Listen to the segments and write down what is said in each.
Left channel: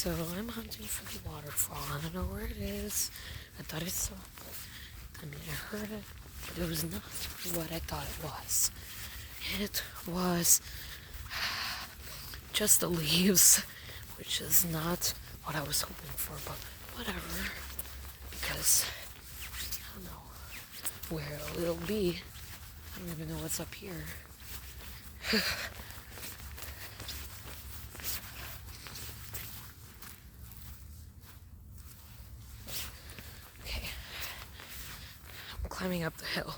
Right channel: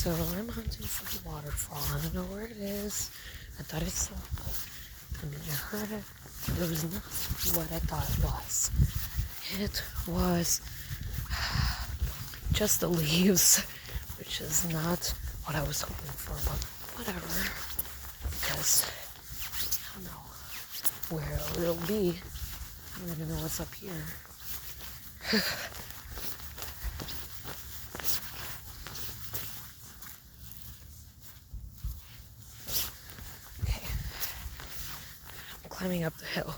So I'm hunting for the waterfall. I don't know where it is. I thought I saw it. I mean, I heard it, but it was not what I thought it was. It was just the leaves, which is not what I was hoping for, but whatever. Because I don't know where it'll be. I don't even know what's up here. Okay. I'm climbing up the hill.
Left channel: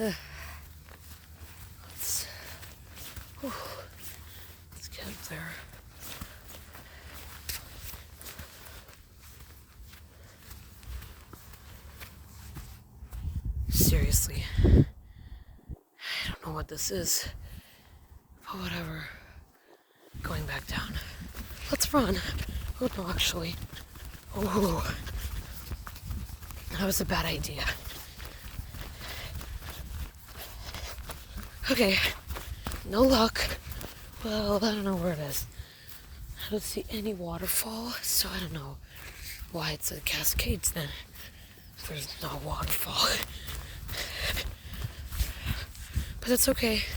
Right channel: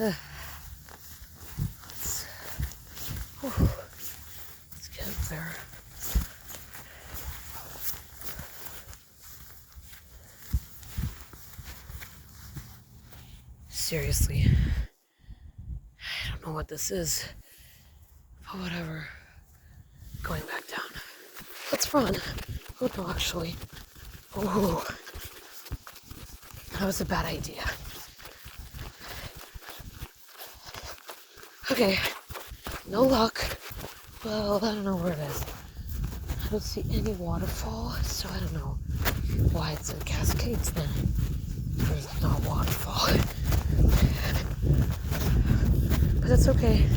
Let's get up there. Seriously, I don't know what this is, but whatever. Going back down. Let's run. Oh no, actually. Oh, that was a bad idea. Okay, no luck. Well, I don't know where it is. I don't see any waterfall, so I don't know why it's a Cascades then. There's no waterfall. But that's okay.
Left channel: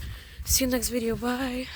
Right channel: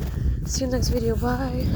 See you next video. Bye.